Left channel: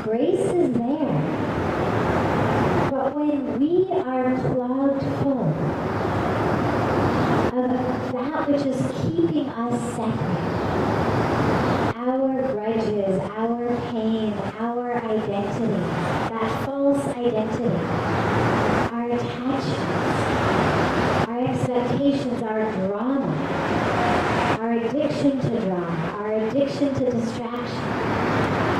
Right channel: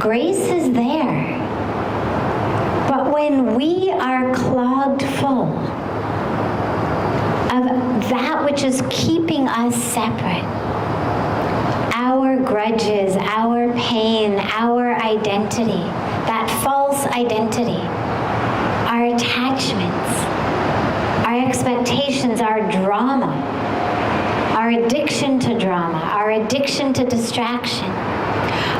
Grace is there. But when we are clogged full of that which is keeping us separate, our grudges, our pain, our identity, that false identity, our attachments, our expectations, our drama, our addiction to drama, our addiction to distraction,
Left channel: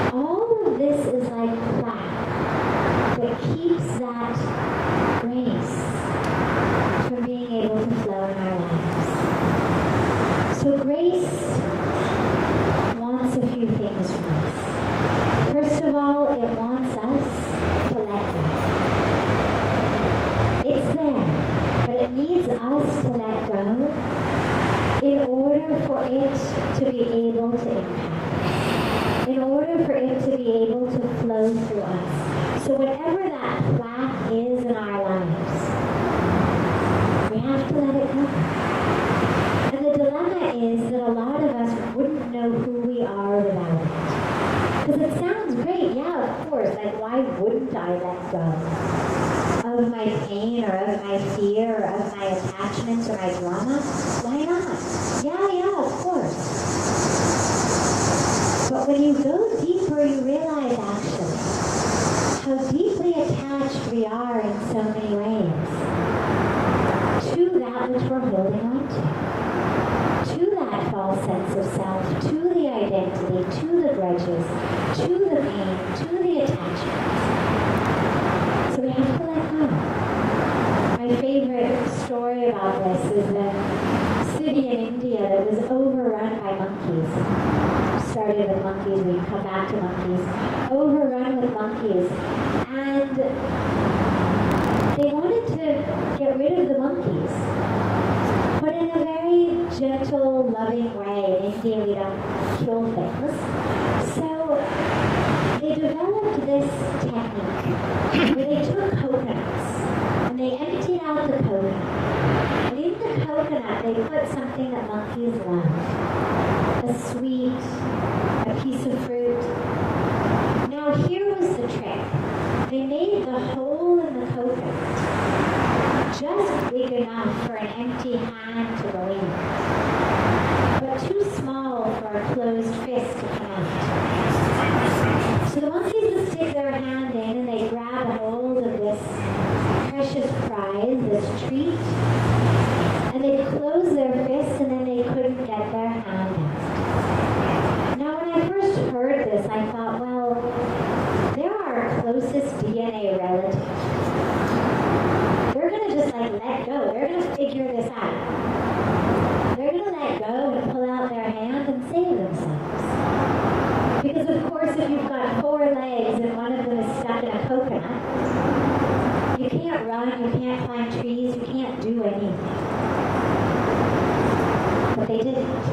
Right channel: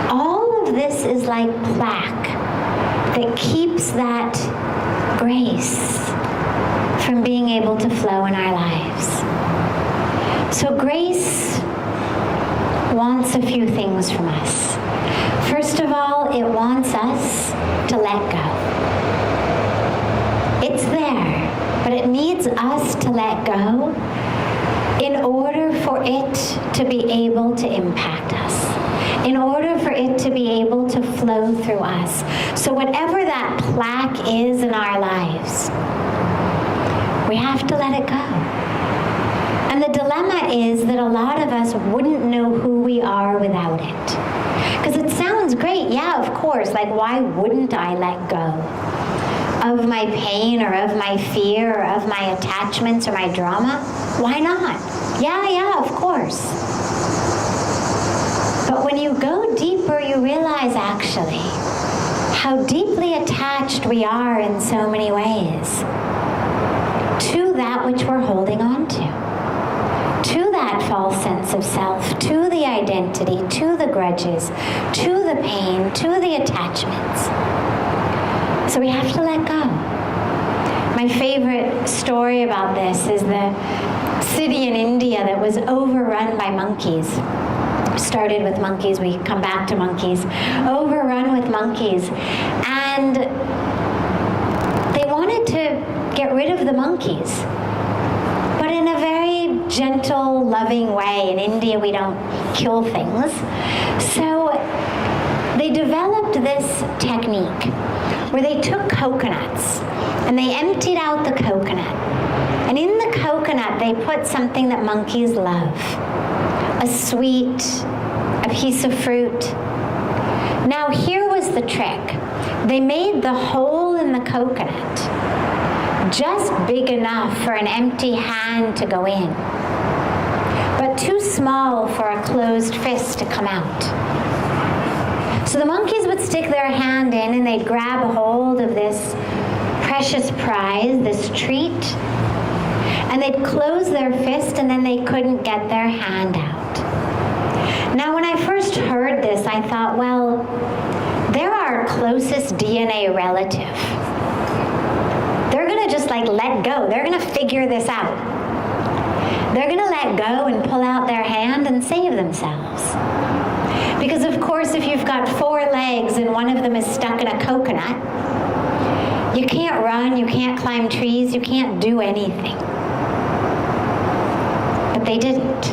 all of this is like plaque that keeps that grace from being able to flow in our lives. So grace wants a few things from us. First of all, it wants us to let go. It's there, but it needs us to let go in order for it to be able to impact us, in order for it to be able to flow through us. So whatever that plaque is in our lives, we have to let it go. And the dilemma is that a lot of us wouldn't know who we are without it. Because it sounds great, yeah, of course, like why wouldn't I let go of my pain or of my fear or of my attachments or my drama? Why not? Yeah, of course. But when you go deeper, you realize actually how deeply attached we are in so many ways to that which we're holding on to that false sense of self, to the identity, to the grudges, to the pain, to the attachments. So we have to let go. My favorite story about this is the city in India that was overrun by monkeys. Started with monkeys, we come back to monkeys. Overrun with monkeys. And they wanted to get rid of the monkeys, but in a very gentle, loving way. In India, we don't kill things. So they developed this technique where they took coconuts and they emptied out the coconut. And in the coconut, they put something that monkeys love, a sweet, a piece of fruit. Now, here was the trick. They made the hole in the coconut just big enough for an empty hand to go in, but too small for a closed fist to come out. So the monkeys would stick their hand in and they'd grab a hold of this precious prize, this treat, and they'd close their fist and then they couldn't get their hand out. Now, when I first heard this, I thought, well, they're our closest DNA relative. They're going to just let go. They're going to figure this out. They're going to let go and pull out their hand and save themselves. Because of course, if you've got 4 legs and one of them is stuck in a coconut, you can't run, you can't climb trees, you can't do anything. But they didn't.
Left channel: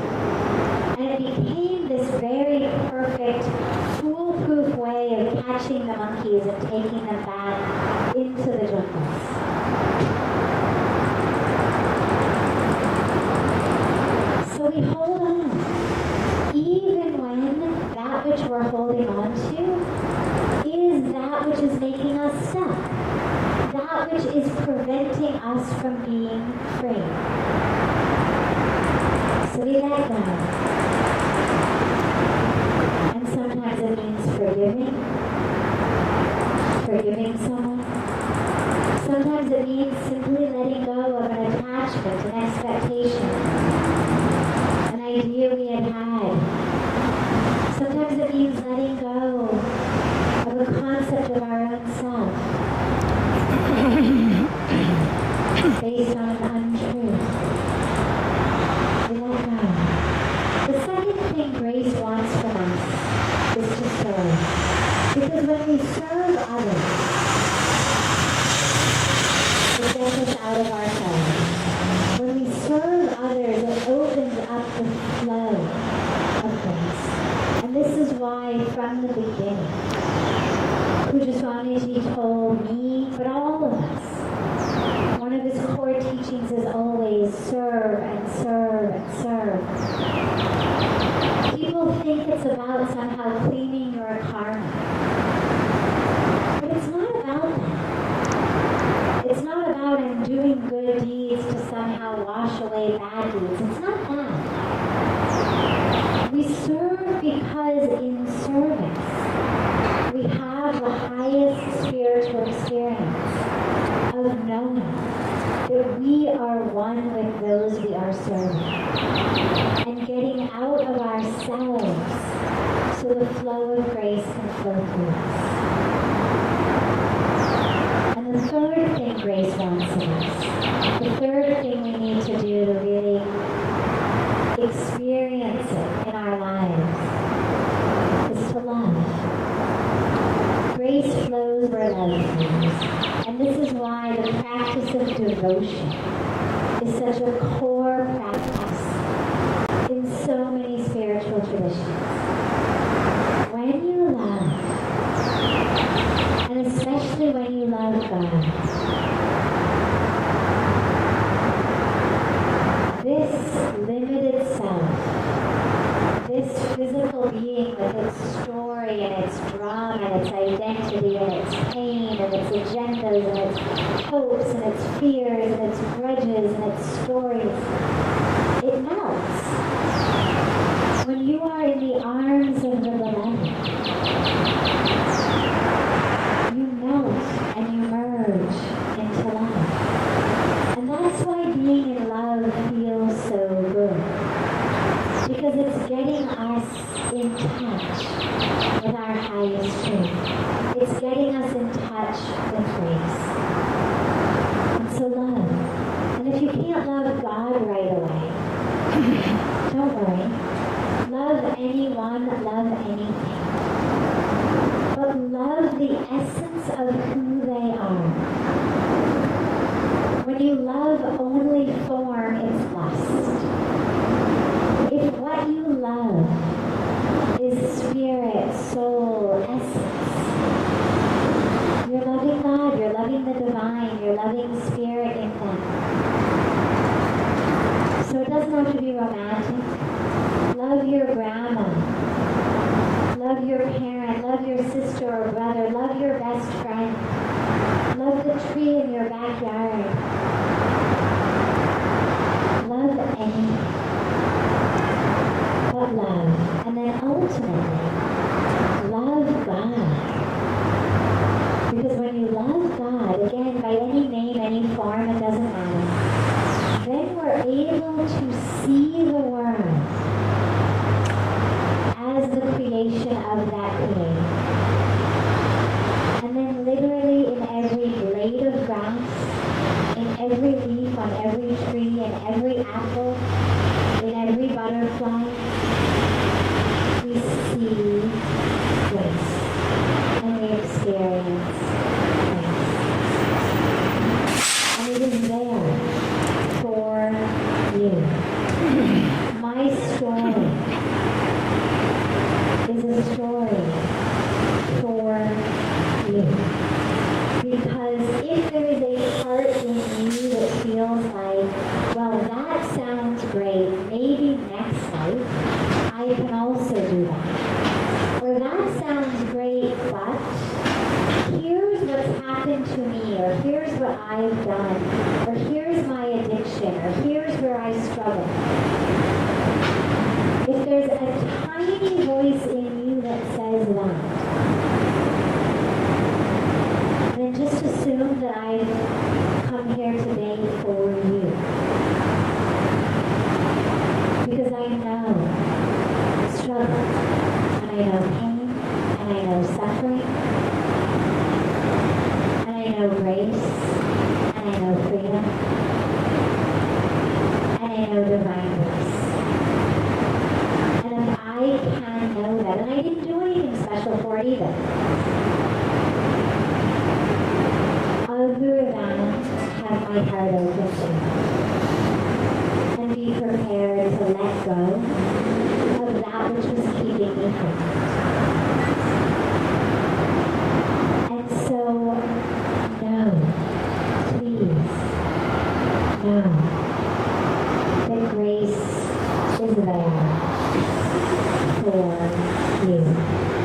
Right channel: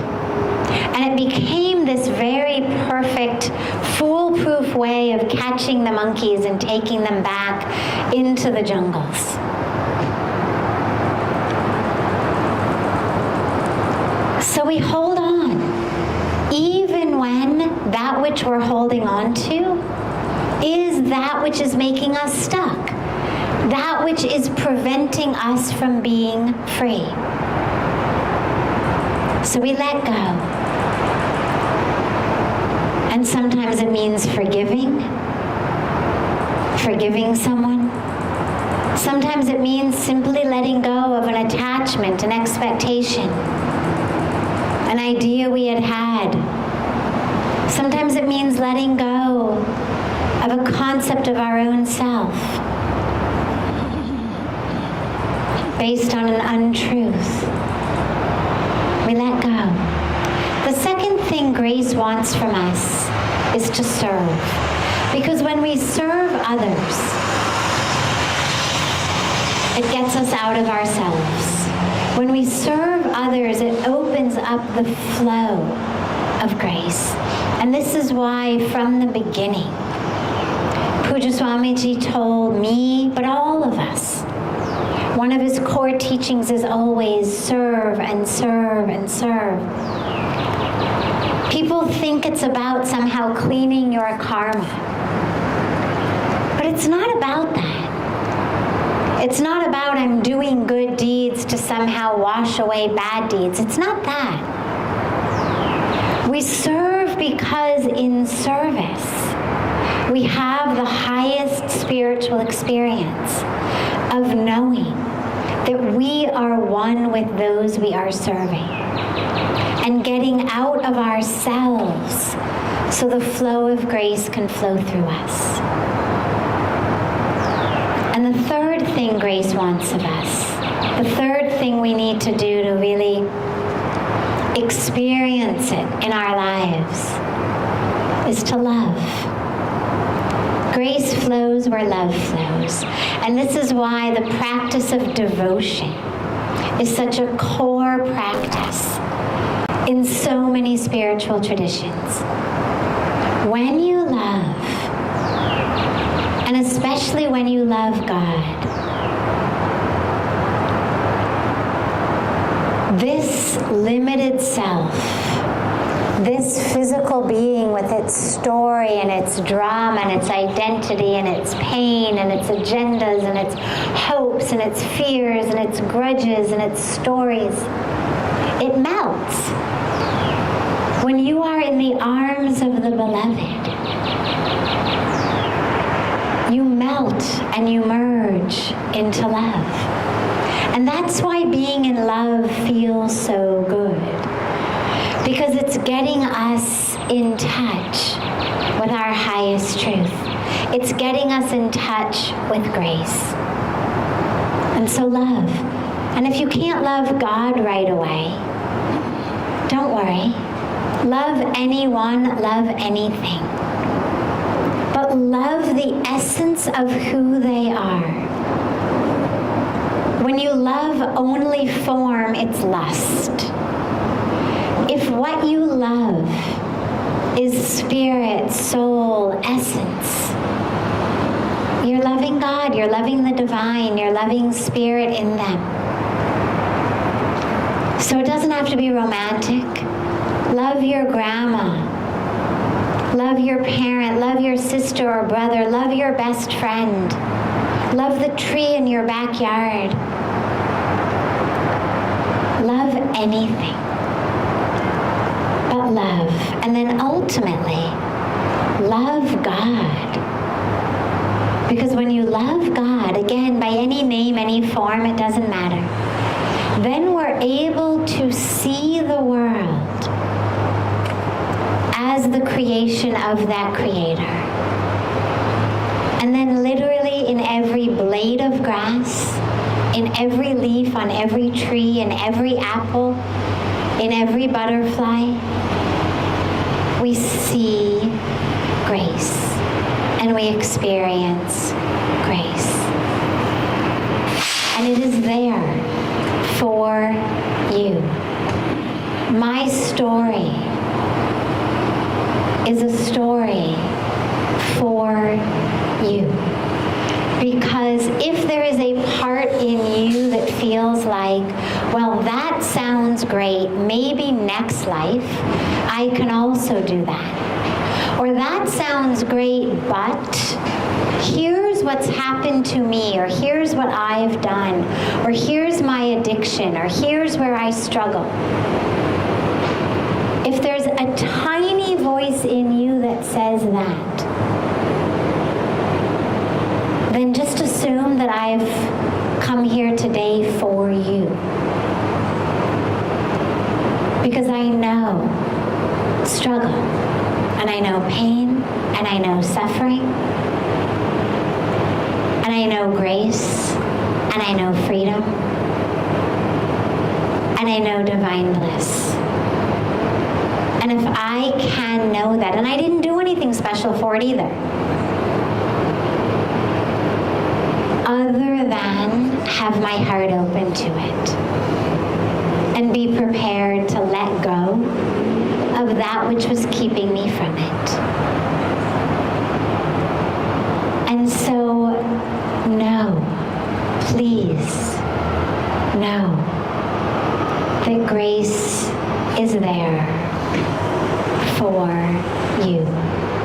And it became this very perfect, foolproof way of catching the monkeys and taking them back into the jungles. So we hold on, even when that which we're holding on to is that which is making us stuck, that which is preventing us from being free. So we let go. And sometimes it means forgiving someone. Sometimes it means simply letting go of an attachment, an expectation, an idea we had had. Sometimes it means letting go of a concept of our own self based on an untruth. We let go. The second thing grace wants from us is to serve. Because when we serve others, it gets us out of ourselves. When we serve others, it opens up the flow of grace. And this is why from the beginning, Pujya Swamiji told me, but all of us, one of his core teachings is always serve and serve and serve. People think it's about somehow cleaning your karma. say bad deeds. It's not that. We serve because in service we have the highest spiritual experience of knowing that we are one with those we are serving and getting out of ourselves so the flow of grace can flow through us. And the third thing grace wants of us, the third thing we need to do to really experience it in our lives, is to love. Grace flows where love flows. And this is why the practice of devotion is such a core practice in so many spiritual traditions. When you love, and especially when you love God, this limited self, this physical being with its story and its drama and its identity and its pain and its agendas and its hopes and its fears and its grudges and its stories, it melts. When you are in the arms of the beloved, you melt and you merge into love. And that's why being in love feels so good. Because it's getting us in touch with our highest truth. It's getting us in touch with grace. And so love. And if you can't love God right away, don't worry. Love anyone, love anything. But love the essence of who they are. When you love only form, it's lust. If what you love is spirit, soul, essence, you're loving God, you're loving the divine, you're loving spirit in them. So it doesn't have to be romantic. Love your grandma. Love your parent. Love your sister or brother. Love your best friend. Love the tree in your backyard. Love anything. But love. And then ultimately, love God. Because when you love God, again, by any name, any form, it doesn't matter, then we're able to see the world as the creation of that Creator. And then literally in every blade of grass, in every leaf on every tree, in every apple, in every butterfly, we see grace and we experience grace. And it is there for you. My story is a story for you. Because if there is a part in you that feels like, well, that sounds great, maybe next life I can also do that. Or that sounds great, but here's what's happened to me, or here's what I've done, or here's my addiction, or here's where I struggle. If there's a tiny voice in you that says that, then just assume that I've come here today for you. Because I know struggle, and I know pain, and I know suffering, and I know grace, and I know freedom, and I know divine bliss. And if I can know that, and I didn't do anything special for it either, other than have my heart open to it and be prepared to let go of that which was keeping me from it. And so, know, please, know that grace is there for you,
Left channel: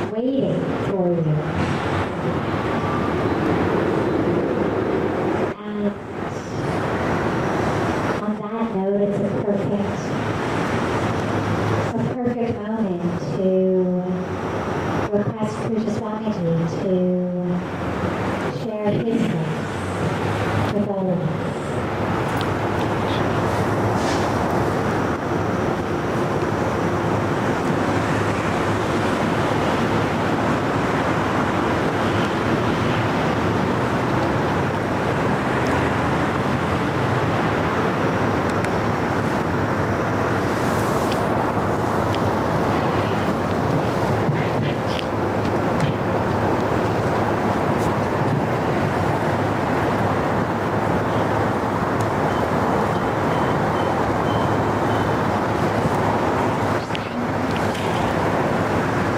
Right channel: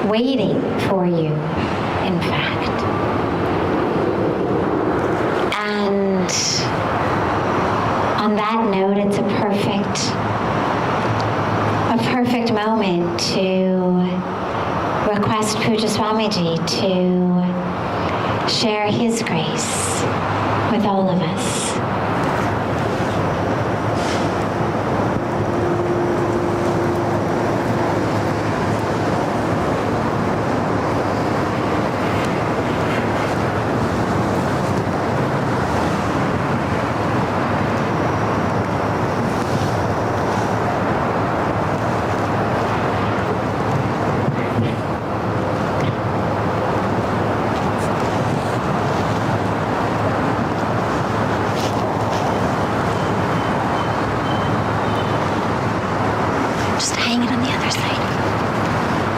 waiting for you, in fact. And Swamiji to share his grace with all of us. Just hang it on the other side.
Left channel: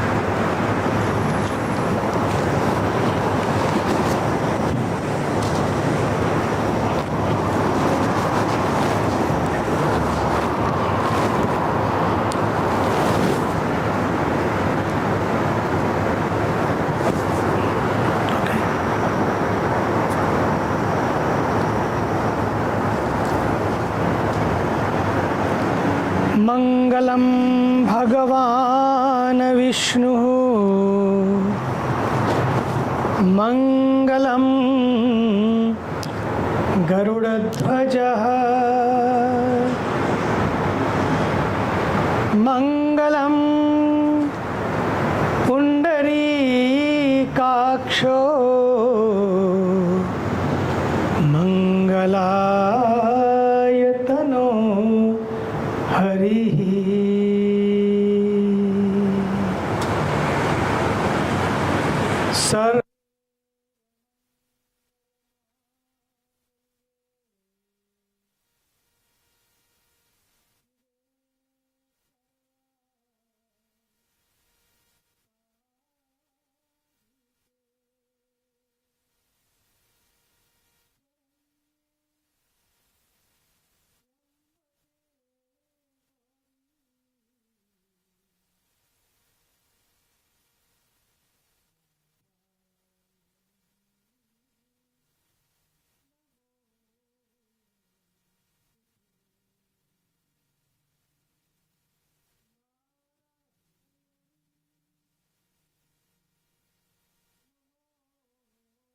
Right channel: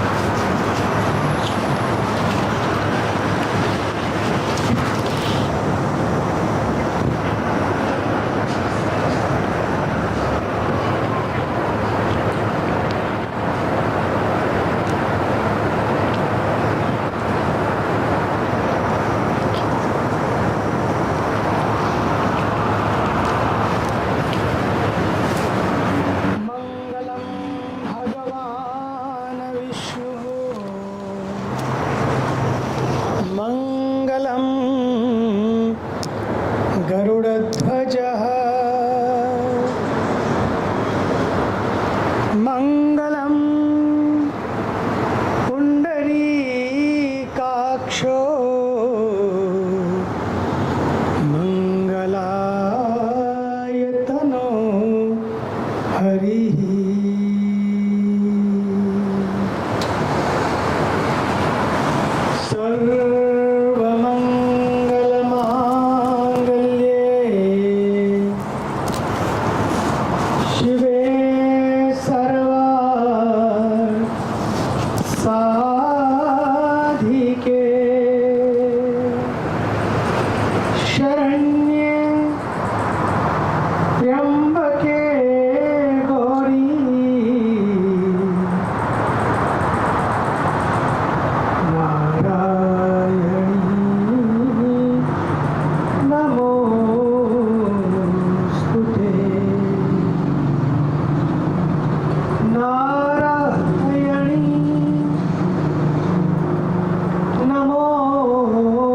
मङ्गलं भगवान् विष्णुः मङ्गलं गरुडध्वजः मङ्गलं पुण्डरीकाक्षो मङ्गलायतनो हरिः सर्वमङ्गलमाङ्गल्ये शिवे सर्वार्थसाधिके शरण्ये त्र्यम्बके गौरी नारायणी नमोस्तुते नारायणी नमोस्तुते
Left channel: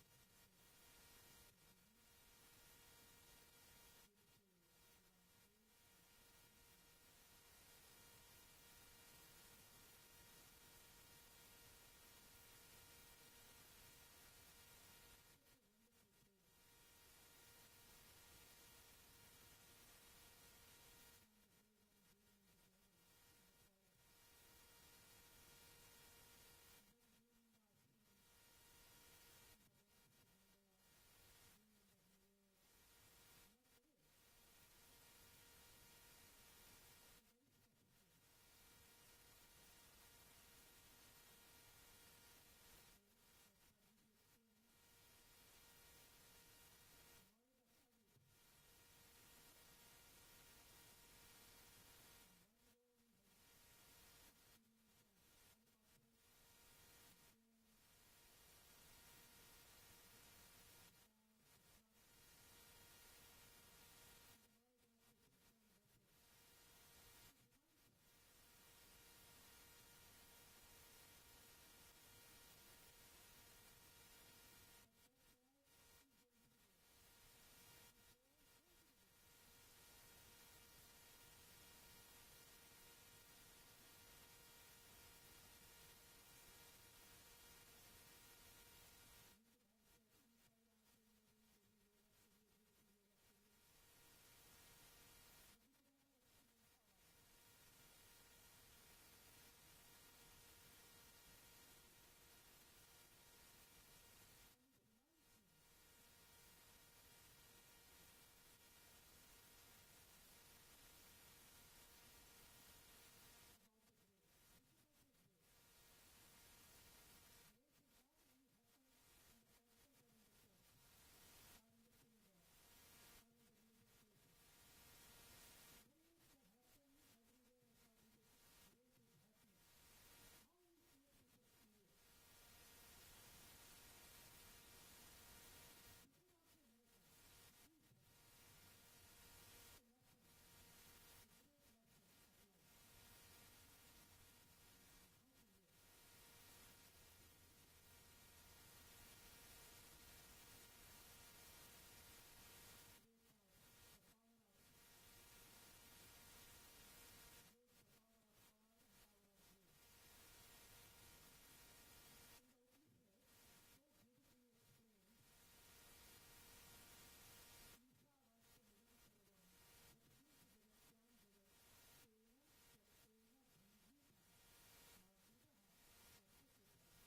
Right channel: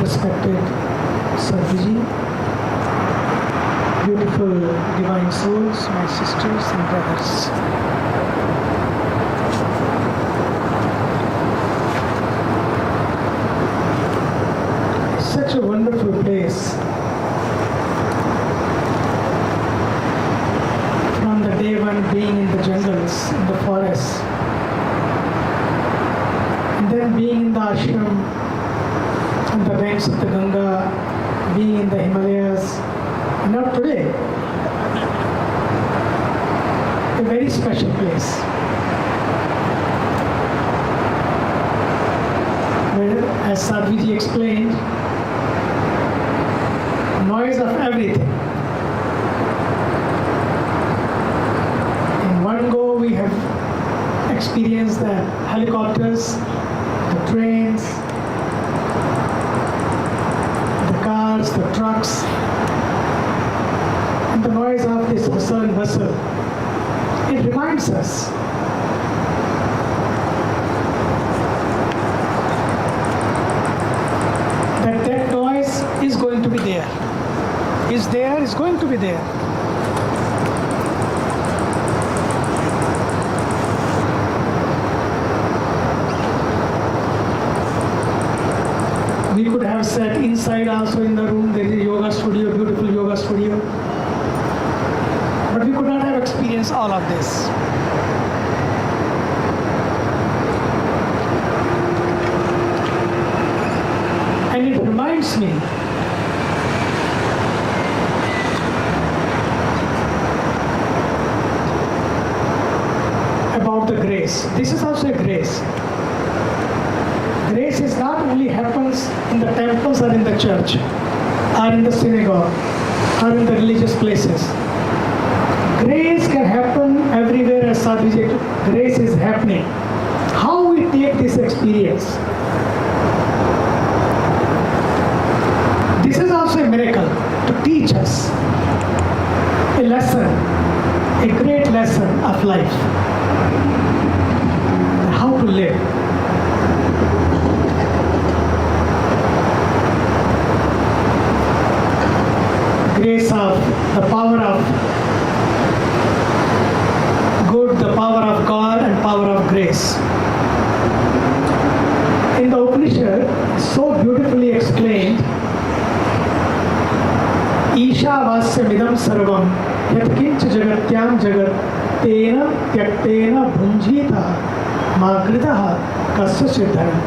Respected Sadhviji, beautiful divine souls, my sisters and brothers. It's such a wonderful place. From the day one being in the jungles, in the forests, and then being in the ashram, on the banks of the Ganga, being in the Himalayas. very special place. Where, as Sadhviji explained, noise of everything. In one go, we have experienced the helicopters, the trains, the cars, the trucks, and the noise of this hustle and bustle. It reminds us that that noise is going to be there. Is there, is going to be there. We could have sat inside also in the room. There is a yoga studio, beautiful yoga studio. But we could not have experienced all of this. And it reminds me about the grace. This is also a grace. Grace is not only happens in the temples or in the church or in the synagogue or in the religious places. Grace can happen everywhere as Sadhviji. Grace is happening. How we take this experience? This is also a miracle to teach us a lesson, a great lesson of life. How to live. Grace of the power of good, the power of God, and power of grace. In the Upanishad, so beautifully explained, Isha vasyamidam sarvam yatkincha jagatyam jagat tena tyaktena bhunjita magritaha kasya siddhana.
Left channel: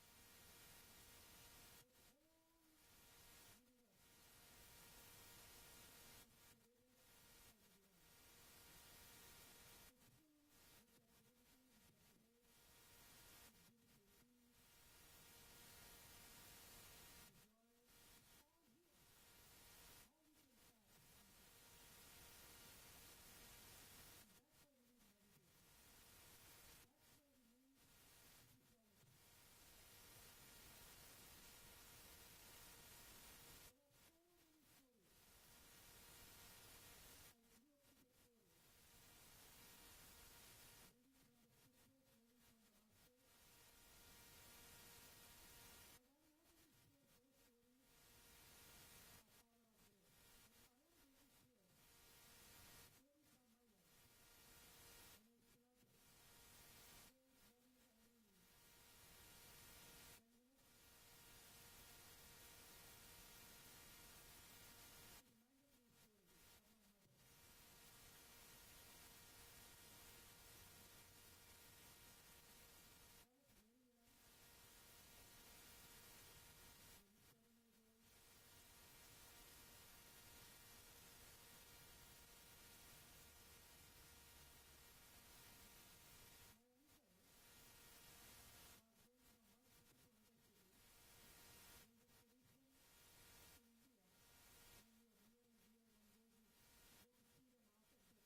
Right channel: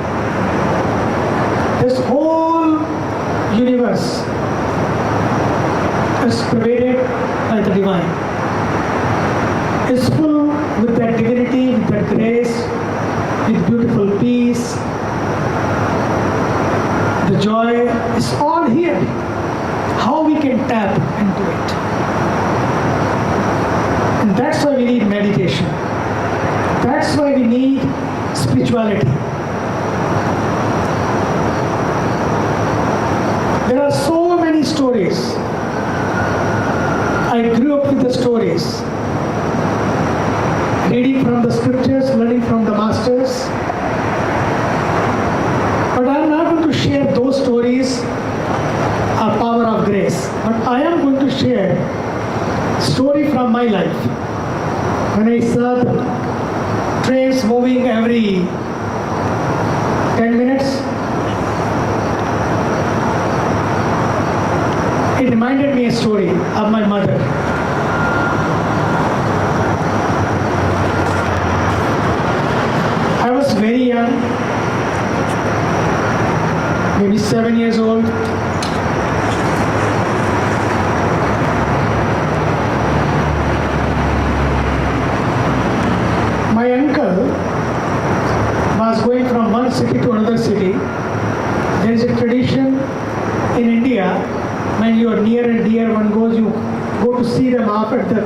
This whole universe is pervaded by the divine, is full with that divinity, with that grace, with beautiful peace. The joy is all here. How we can tap into it. And that's why we need meditation. That's why we need spirituality. There are so many stories. I grew up with the stories. Reading from the scriptures, learning from the masters. But I am not going to share those stories of power of grace. But I am going to share story from my life. When I saw the trains moving every 10 minutes, it reminded me a story of my mother. I was very young, maybe 7 years old. My uncle was going from one city to another city. There is a tradition in India, when you are near and dear one goes, you go to see them off at the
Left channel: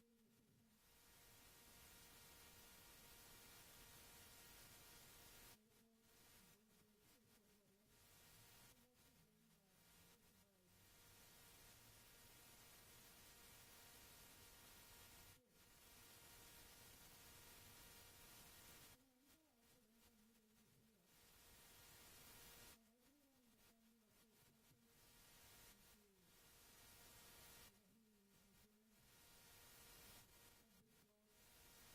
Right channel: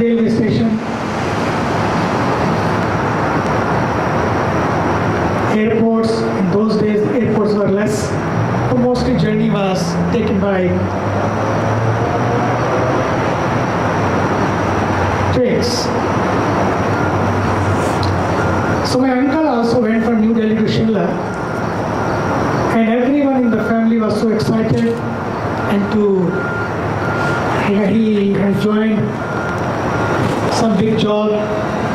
railway station. Airports, in those days airports were less, so mostly journey was taken by trains. So my uncle also went from New Delhi to Shimla, and everyone in the family was so excited, and he had joined some big job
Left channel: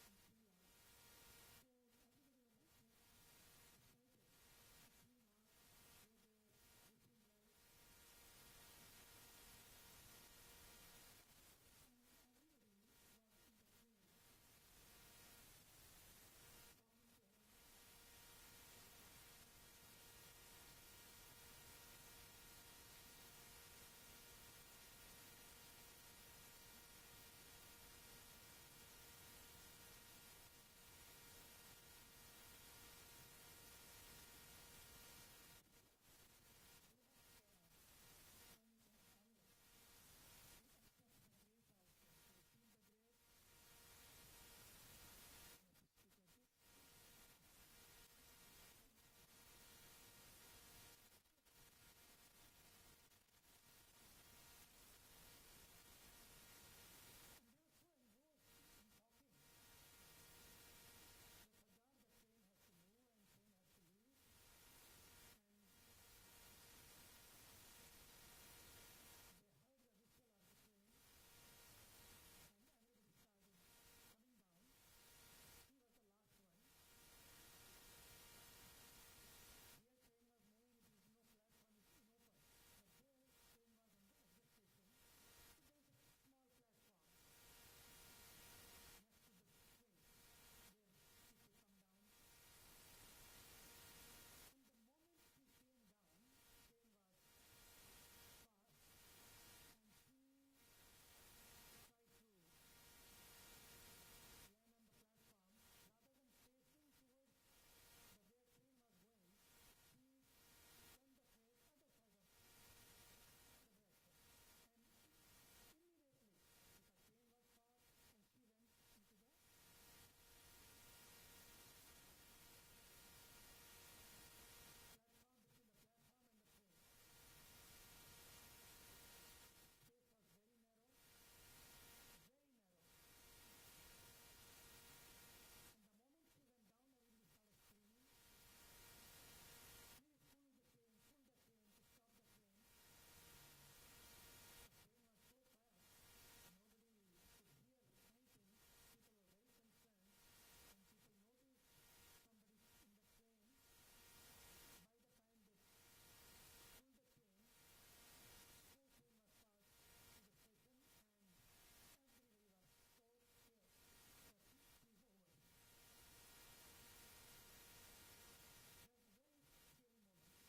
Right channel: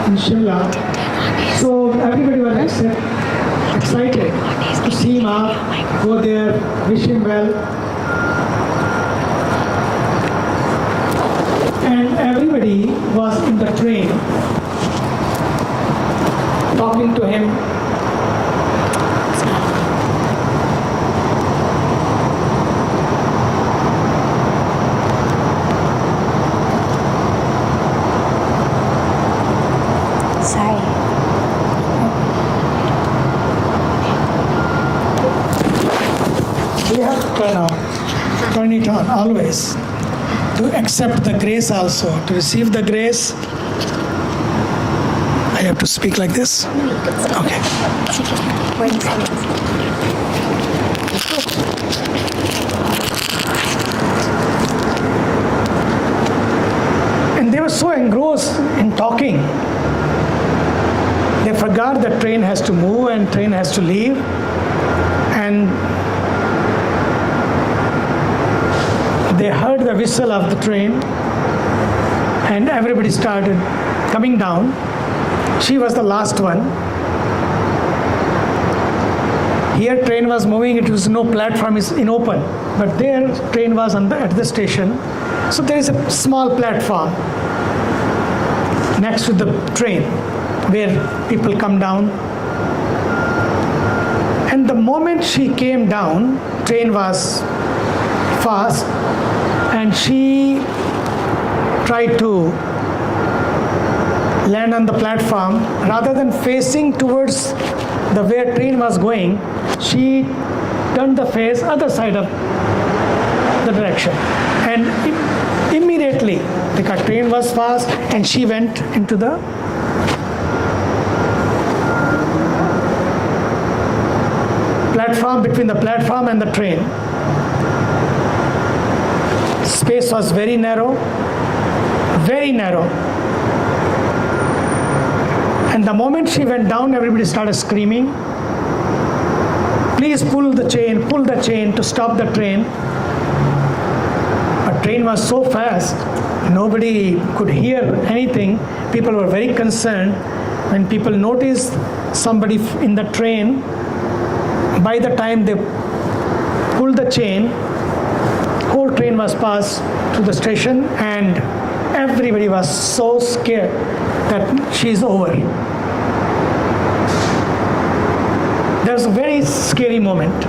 in Shimla. So everybody was excited to see him up, go there, wish him well. And everybody was in the train talking to him. turn it on always. To accept the grace also, to receive the grace. I have to speak like this? Okay. And they were so engrossed in talking, they forgot that train has to move and train has to leave. And they heard the whistle of the train, and everybody started coming down. She was the last one. Here train was moving, it was no platform is in open, but there train was at the station. So there is a small platform next to the train where people come down. And the moment she came down, train was fast, and she tried to land on the platform. Rather than facing towards the where train was going, she turned the face other side of the direction. And immediately, because train was fast, and she went into the platform, between the platform and the train. Space was very narrow, very narrow. And the moment she went down, everybody started screaming, please pull the chain to stop the train. But train was so fast, nobody could hear anything. People were very concerned. When people noticed somebody in the train, by the time they pulled the chain, whole train was passed to the station, and everybody was so scared that she's over. There's a very scary moment.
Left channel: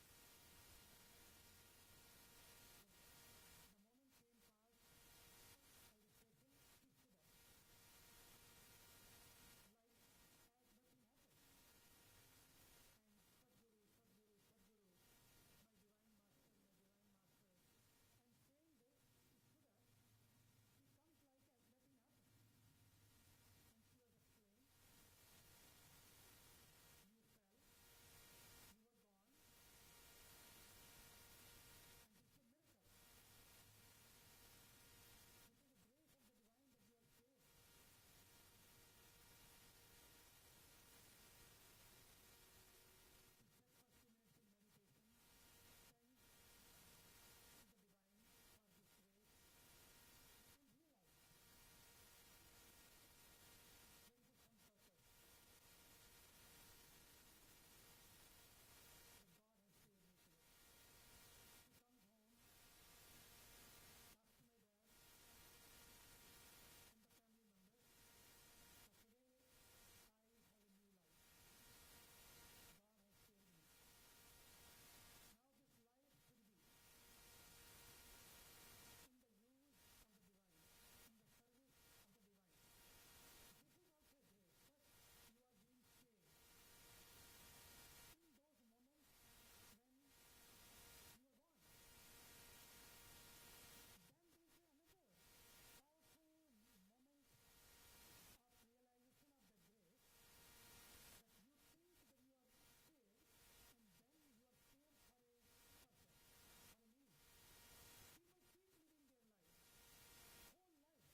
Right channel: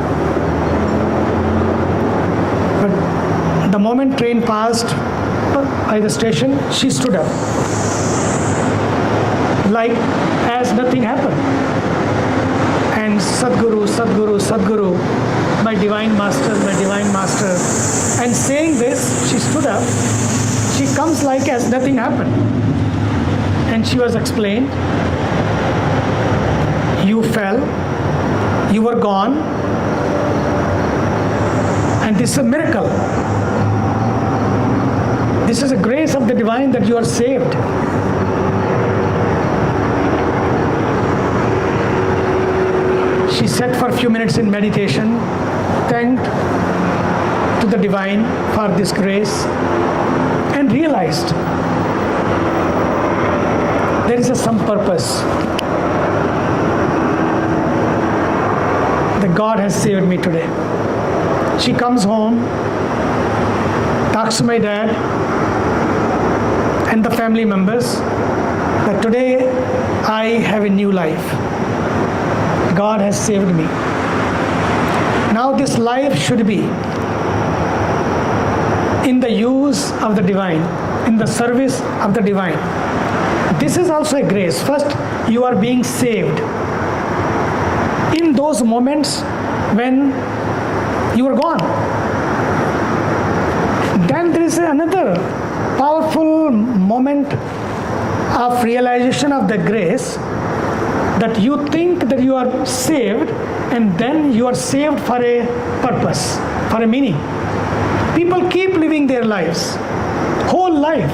But the moment train passed by the station, she stood up, like as nothing happened. And Sadhguru, Sadhguru, Sadhguru, my divine master, my divine master. And saying this, she stood up. She comes like as nothing happened. And she was explained, you fell, you were gone, and this is a miracle. This is a grace of the divine that you are saved. She sat for a few minutes in meditation, thanked to the divine for this grace, and realized there is some purpose. That God has saved me today. She comes home, talks to my dad and the family members that today I have a new life. God has saved me. Now this life should be in the use of the divine, in the service of the divine. This is also a grace. First, you are being saved. In those moments when you are gone. Then there is another powerful moment of realization of the grace, that you think that you are saved, and then you are saved for a purpose, for a meaning. People keep living their lives, whole life.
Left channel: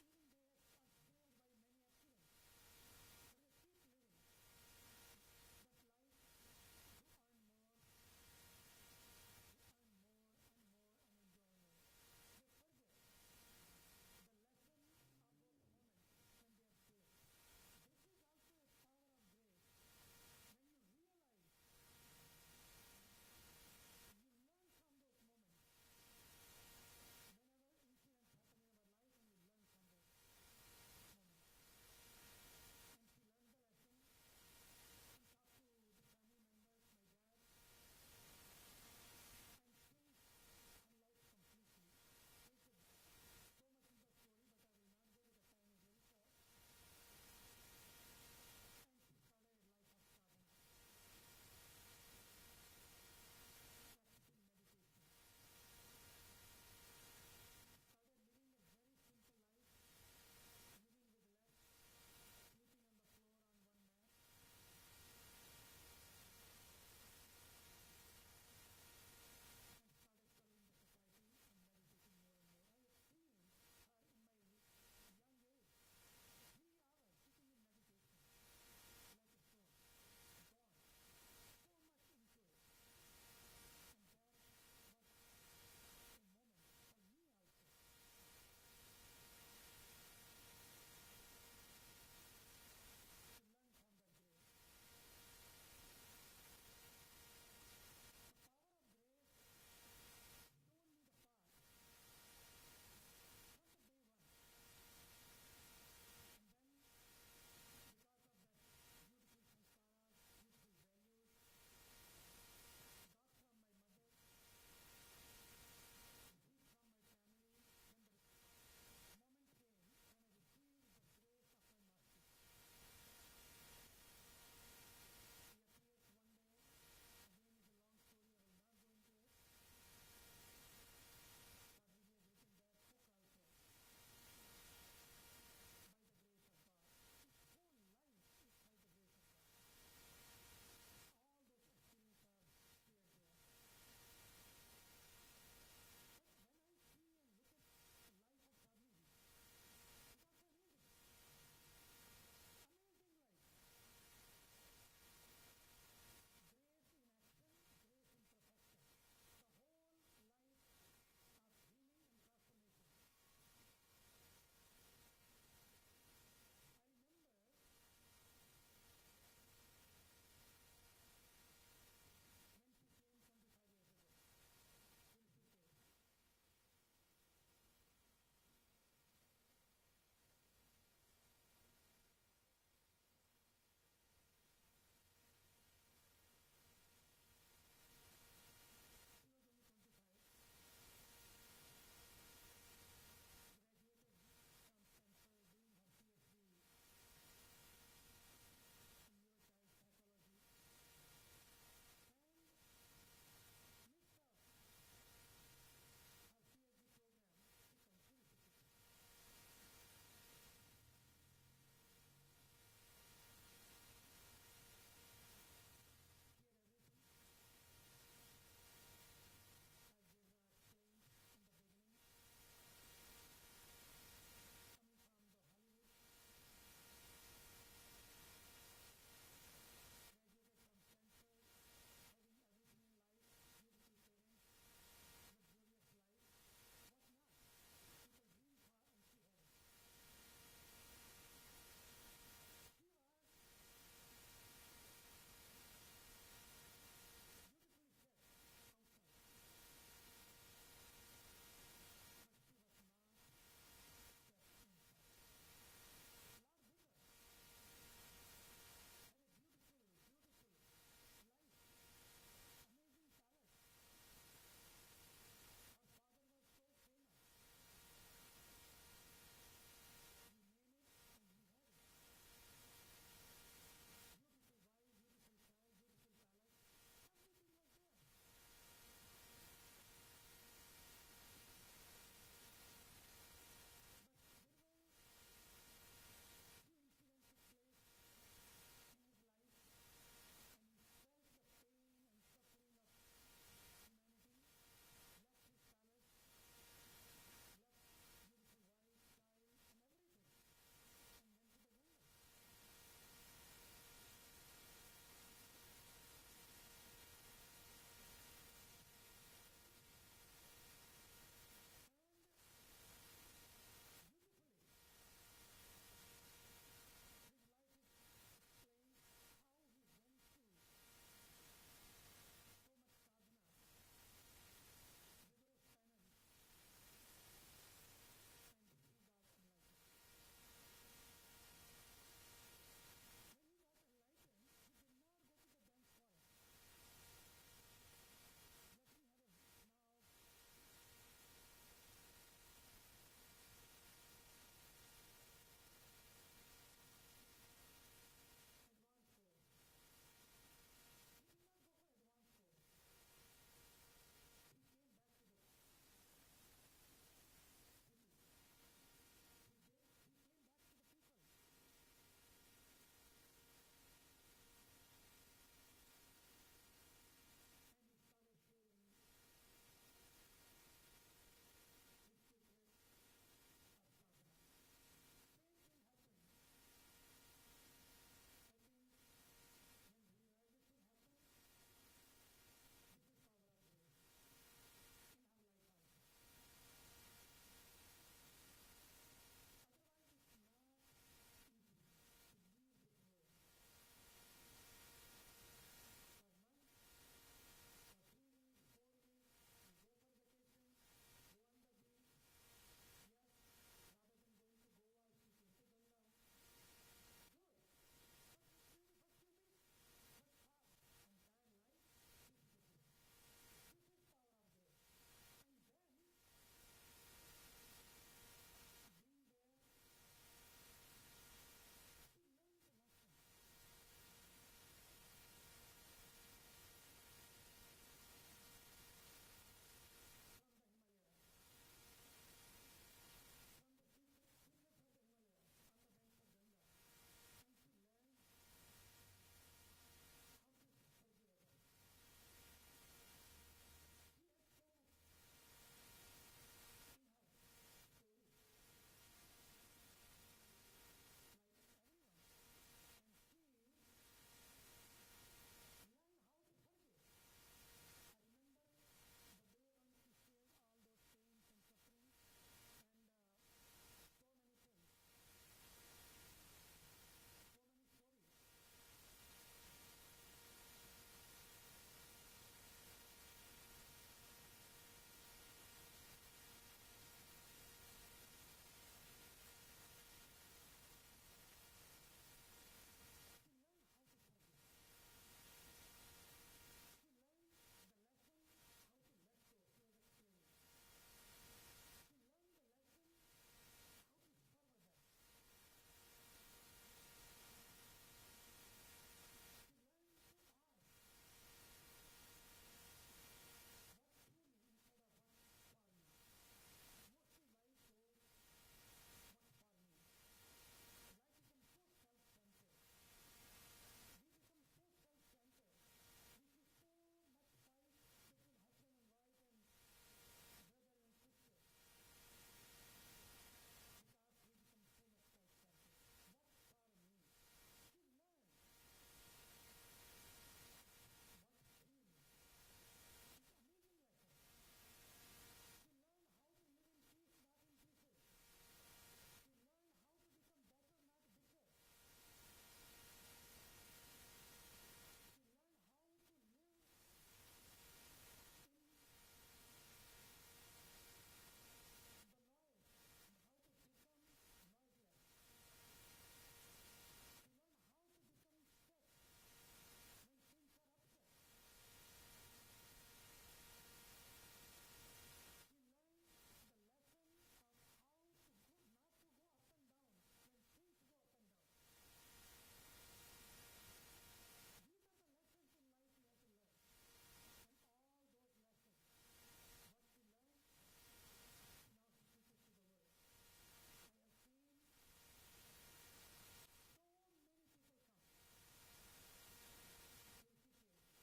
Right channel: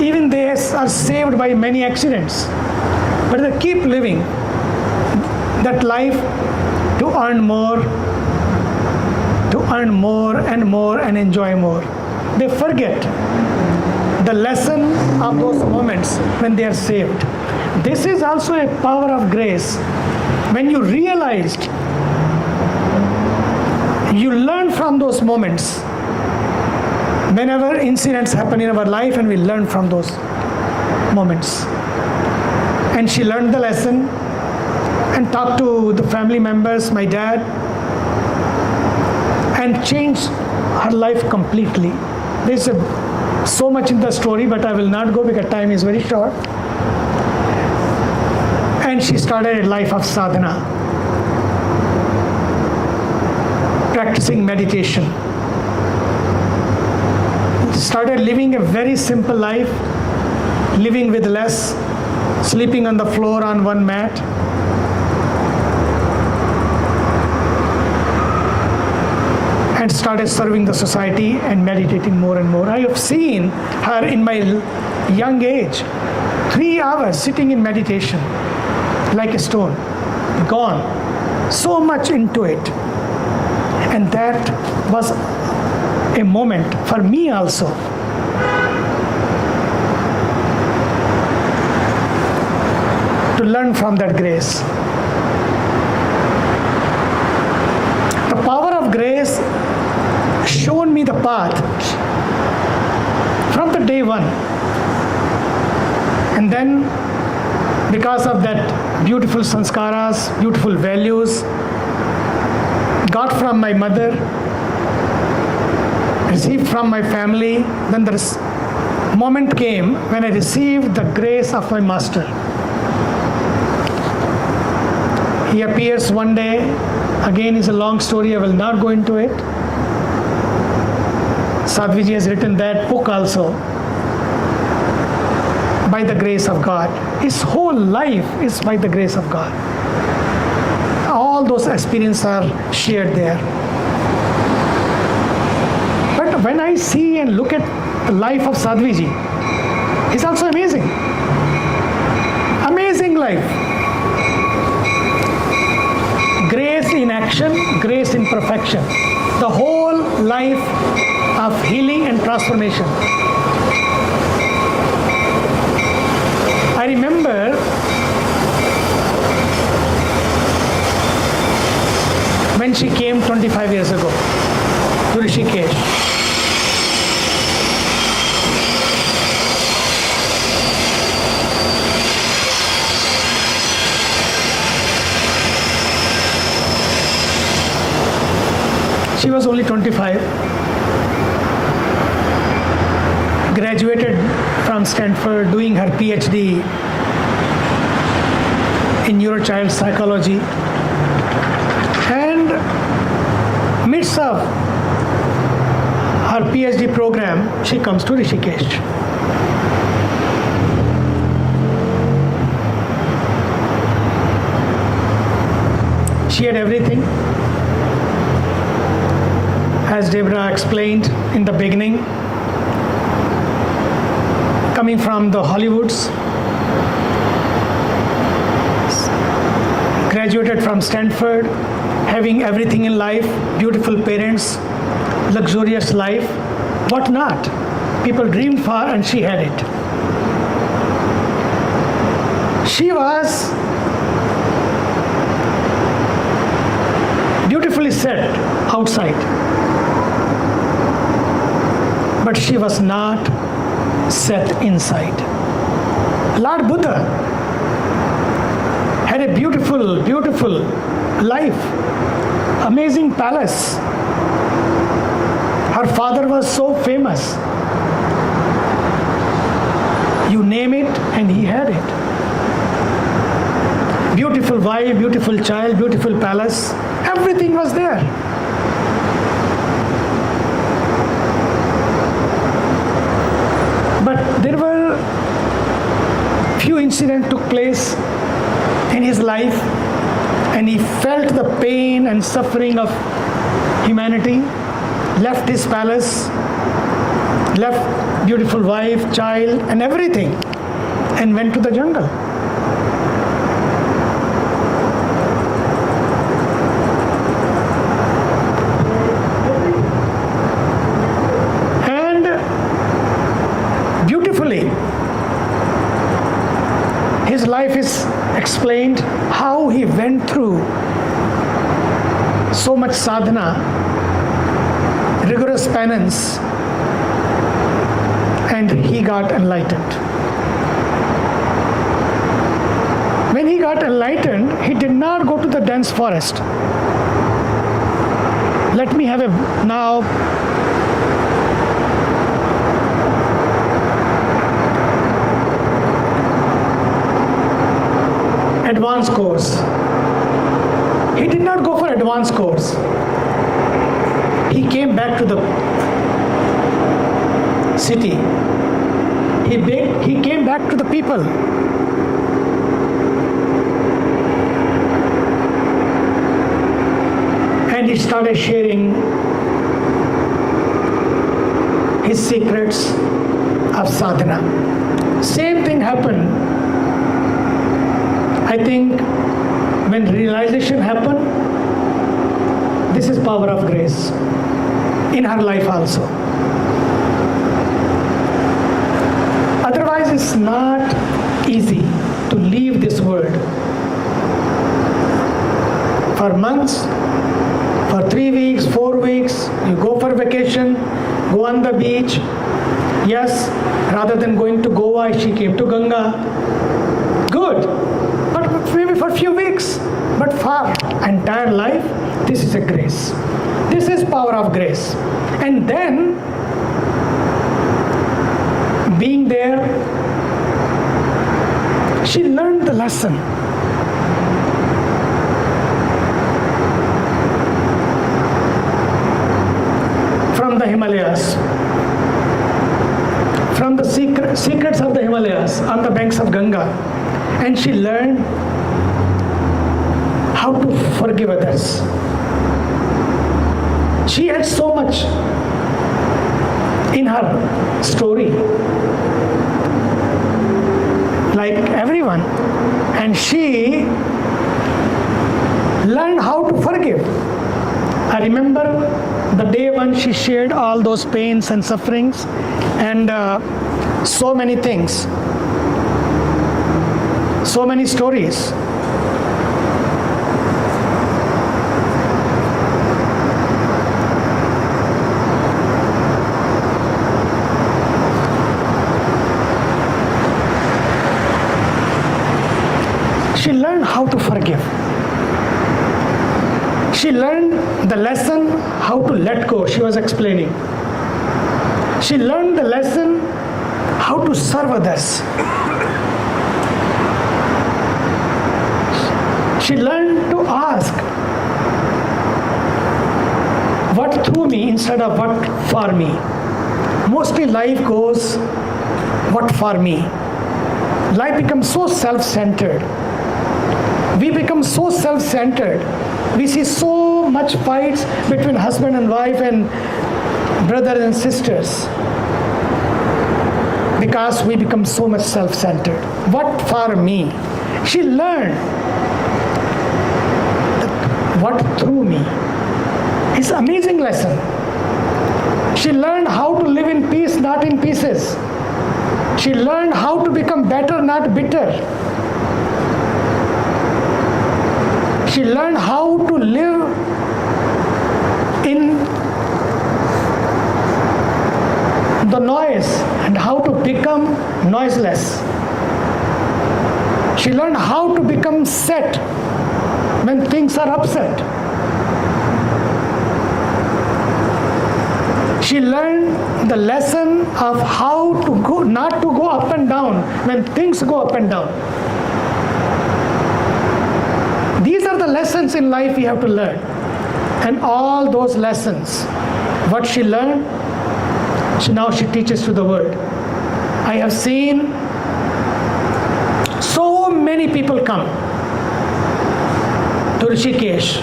Even they are saved by many accidents, but they keep living that life to earn more and more and enjoy more. They forget the lesson of those moments when they are saved. This is also a power of grace. When you realized, you learn from those moments. Whenever incidents happen in our life, and we learn from those moments. And she learned the lesson and talked to the family members, my dad, and changed her life completely. There's so much in the story, but I will not go because time is very short. And she started a life of sadhana, practicing meditation. started living a very simple life, living with less, sleeping on the floor on one mat. And started serving the society and meditating more and more. I have seen her in my young age, 3 hours sitting in meditation, like a stone, gone, so much into it. And that was a moment for me also. To learn from that grace. The power of grace shown me the path from the day one. And then, because of that beautiful sanskaras, beautiful values, got from my mother, received from my family, then the moment came when I received the grace of my master. He appears one day, again is a long story, I will not go into it. Sadhviji has written that book also, by the grace of God. His whole life is by the grace of God. All those experiences are shared there. But when I see and look at the life of Sadhviji, it's also amazing. Amazing life. Grace in action, grace in perfection. The whole life of healing and transformation. I remember when she came 25 years ago to Rishikesh. She was only 25, graduated from Stanford, doing her PhD in neurochild psychology, and midst of her PhD program, she comes to Rishikesh. She had everything. As Deborah explained in the beginning, coming from the Hollywoods, graduated from Stanford, having everything in life, beautiful parents, luxurious life, what not? People dreamed for, and she had it. She was beautifully set outside, but she was not set inside. Lord Buddha had a beautiful, beautiful life, amazing palace. Her father was so famous. You name it and he had it. Beautiful wife, beautiful child, beautiful palace, everything was there. But there were few incidents took place in his life, and he felt the pain and suffering of humanity, left his palace, left beautiful wife, child, and everything, and went to the jungle. His life is explained how he went through so much sadhana, rigorous penance, and he got enlightened. When he got enlightened, he did not go to the dense forest. Let me have a now advanced course. He did not go for advanced course. He came back to the city. He came back to the people. And he started sharing his secrets of sadhana. Same thing happened. I think when realization happened, this is power of grace in her life also. Otherwise, it's not easy to leave this world. For months, for 3 weeks, 4 weeks, you go for vacation, go on the beach. Yes, rather than going to Goa, she came to Ganga. Good, but maybe for a few weeks. But for entire life, this is a grace. This is power of grace. And then, being there, she learned the lesson. From the Himalayas, from the secrets of the Himalayas on the banks of Ganga. And she learned how to forgive others. She had so much in her story, like everyone, and she learned how to forgive. I remember the day when she shared all those pains and sufferings and so many things, so many stories. She learned how to forgive. She learned the lesson how to let go, she was explaining. She learned the lesson how to serve others. She learned to ask, what through me instead of what for me. Mostly life goes, what for me. Life becomes so self-centered. We become so self-centered. We see so much fights between husband and wife and brothers and sisters because we become so much self-centered. What for me? She learned that what through me. It's an amazing lesson. She learned how to live in peace, not in pieces. She learned how to become better, not bitter. She learned how to live in the noise and how to become noiseless. She learned how to become set when things are upset. She learned the lesson of how to go, not to go up and down when things go up and down. These are the lessons in life we have to learn. And all those lessons, what she learned, now she teaches to the world. I have seen so many people come to Rishikesh.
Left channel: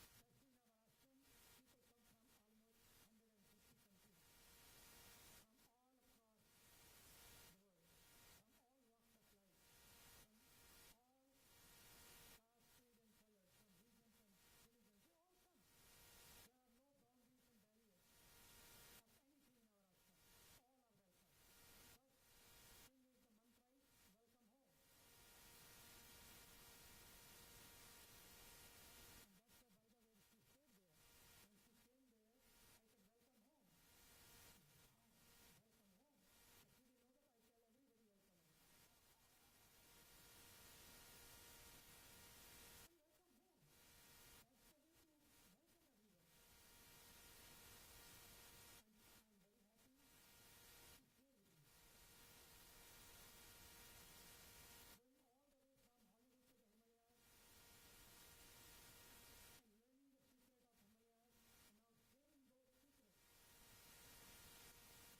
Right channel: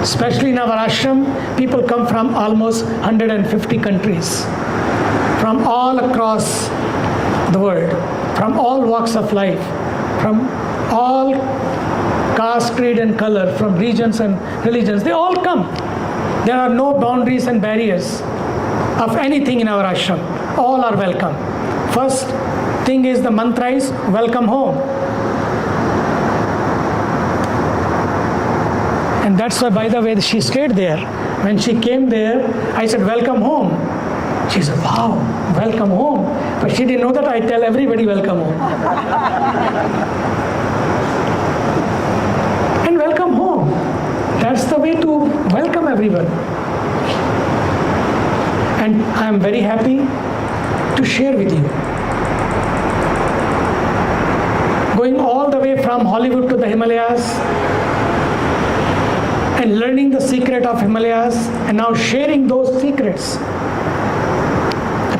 Especially in our ashram, people come from almost 150 countries, from all across the world, from all walks of life, from all caste, creed and color, from regions and religions. They all come. There are no boundaries and barriers of anything in our ashram. All are welcome. First thing is the mantra is welcome home. And that's why, by the way, she stayed there. When she came there, I said, welcome home. She said, wow, welcome home. But she didn't know that I tell everybody welcome home. And welcome home. That's the way to welcome everyone. And I'm very happy to share with you. Going all the way from Hollywood to the Himalayas, and learning the secret of Himalayas, and now sharing those secrets.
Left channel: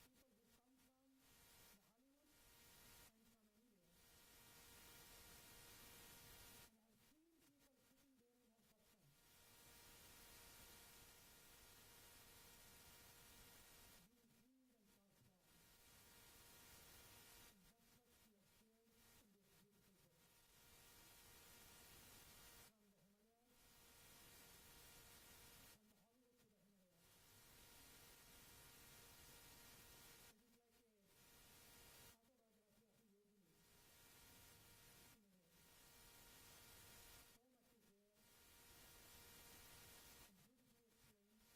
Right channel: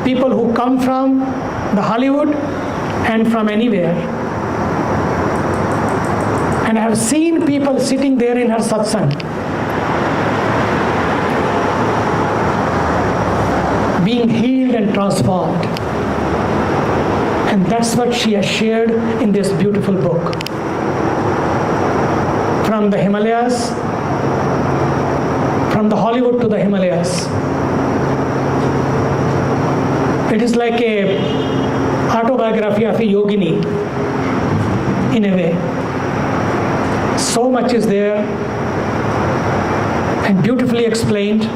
The people who come from the Hollywood and from anywhere. And I have seen people sitting there in her satsang, being healed and transformed. And that's what she has shared in this beautiful book. From the Himalayas, from the Hollywood to the Himalayas. It is like a autobiography of a yogini, in a way. So much is there and beautifully explained.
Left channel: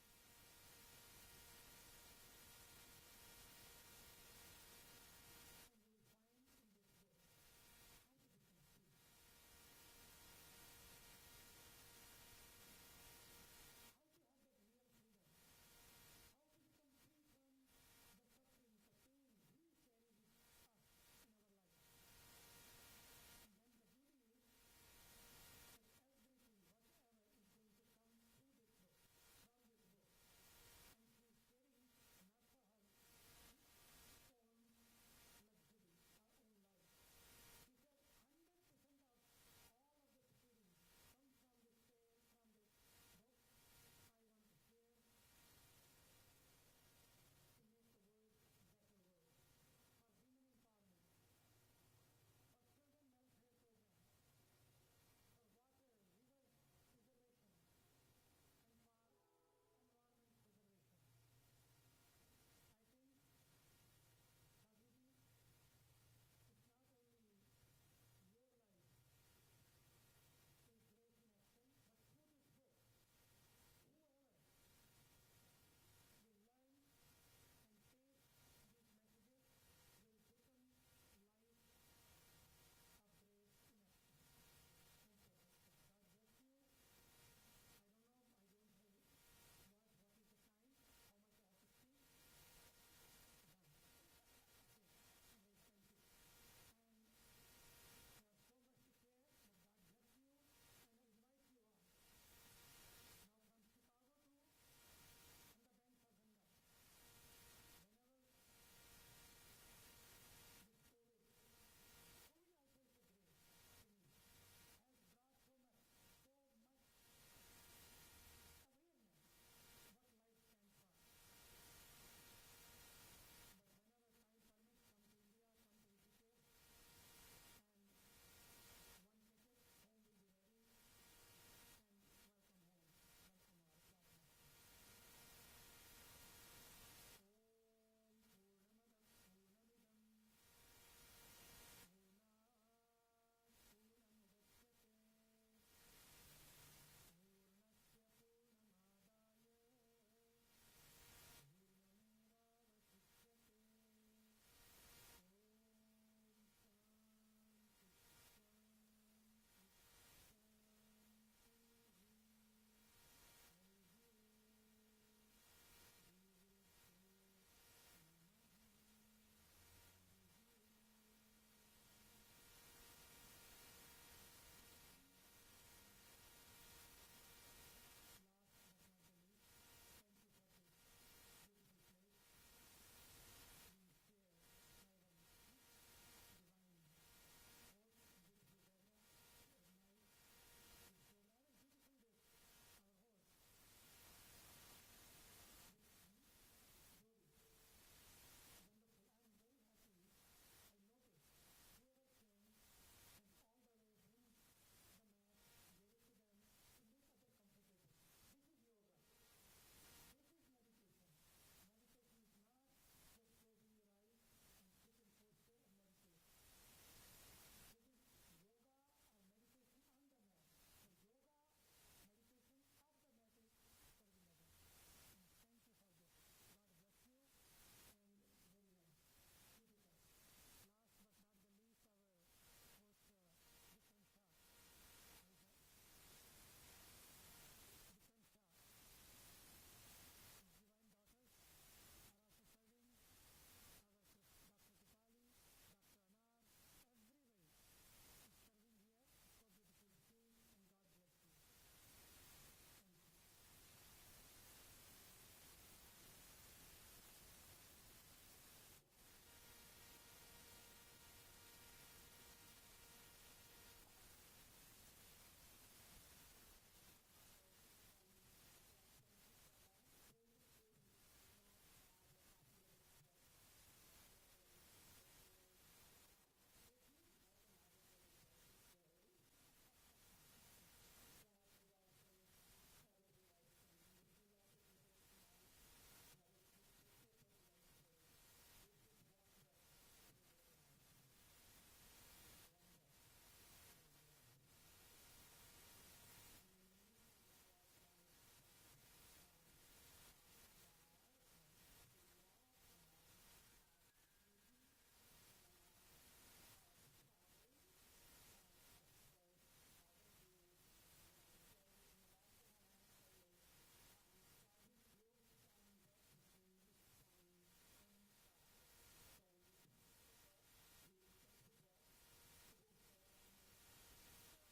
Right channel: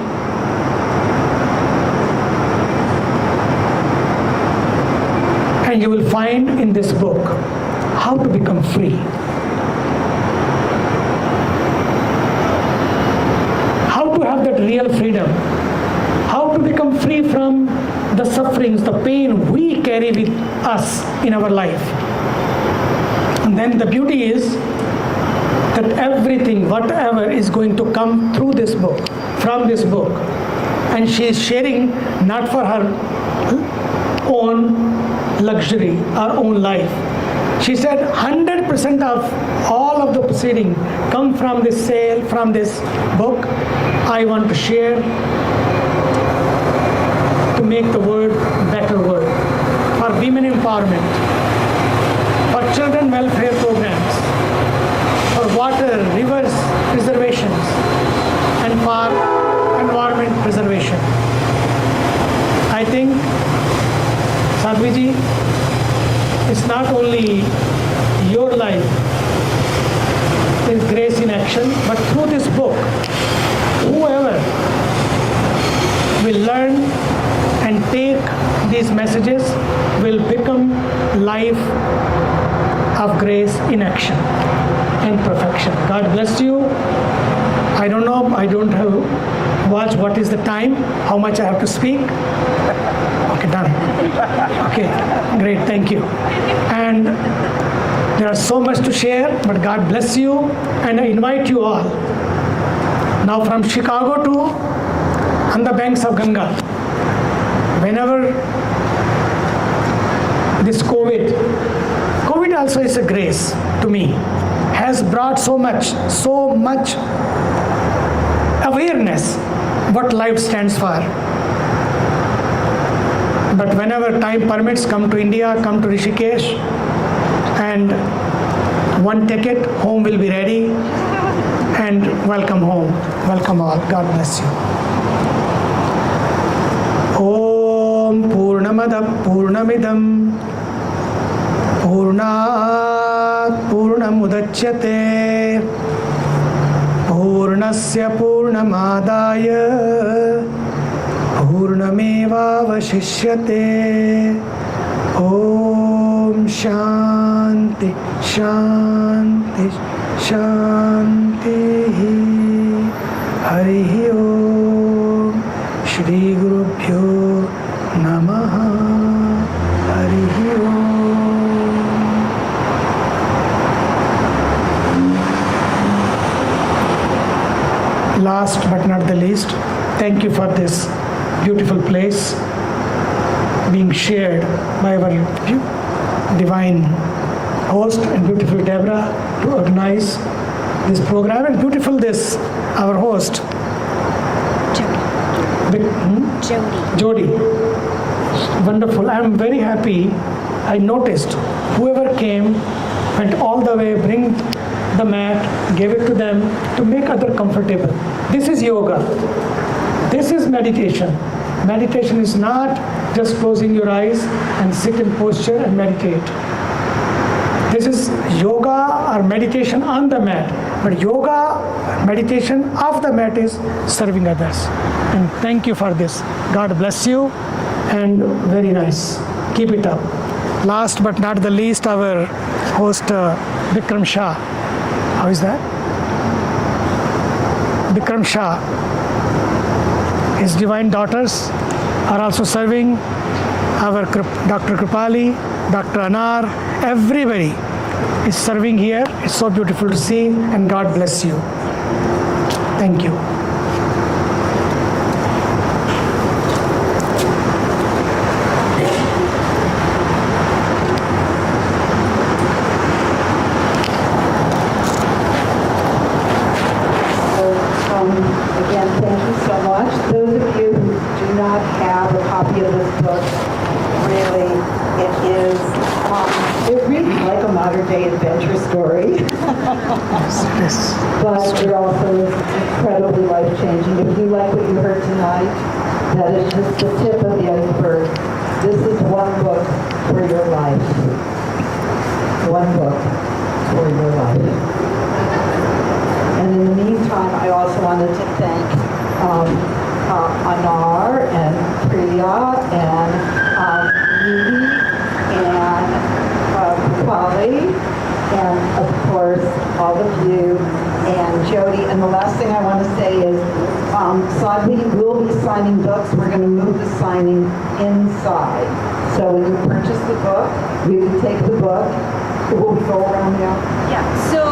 And you will find in this book how to become free. How to have that real freedom. How to become free from the sufferings, the pain we carry with us in our life. And then the beauty is that everything, whatever is going to come through this book, from this book, and she is sharing not for her own luxury, our own life. She said 100% of all of the proceeding come from this sale, from this book. I want to share to make the world a better world. For women empowerment, for children welfare programs, for water, rivers preservations, and for environment preservation. I think, Sadhviji, it's not only your life is grace in action, but through this book, whoever will learn and take these messages will become life of grace in action and perfection. God bless you. I don't know, I don't have watched what is the time, how much I have to speak. Okay, done. Okay, great, thank you. And there is so much to share, but God bless you, and I invite you all. Now from Chicago to on the banks of Ganga, whenever this COVID also is a grace to me, has brought so much awareness what life stands for. But whenever time permits, come to India, come to Rishikesh, and one ticket, home will be ready, and welcome home. Welcome all. God bless you. Om Purnamada Purnamidam Purnat Purnamudachyate Purnasya Purnamadaya Purnamevavashishyate. Om Shanti Shanti Shanti. Hari Om. Shri Gurubhyo Namaha. Hari Om. Last but not the least, thank you for this beautiful place being shared by our divine host and beautiful Deborah to organize this program, and beautiful this, our host, Jody. Wonderful. I am very happy. I noticed whoever came went all the way, bring the mat, gave it to them to make others comfortable. This is yoga. This is meditation. Meditation is not just closing your eyes and sit in posture and meditate. This is yoga or meditation on the mat. But yoga, meditation off the mat is serving others. And thank you for this. God bless you, and very nice. Keep it up. Last but not the least, our host Bikram Shah. How is that? Bikram Shah. His divine daughters are also serving. Our Dr. Kripali, Dr. Anar, everybody is serving here. It's so beautiful to see, and God bless you. Thank you. book. Really, it reads like a modern-day adventure story. But it also is incredibly life-changing. If you like what you heard tonight, that is just the tip of the iceberg. This is one book for your life. One book for your life. And in the meantime, I also wanted to thank Anar and Priya and Nidhi and Polly, and of course all of you and Jody. And the last thing I want to say is Sadhviji will be signing books. We're going to move the signing inside. So when you purchase the book, we will take the book. Will we go around now? Yeah, so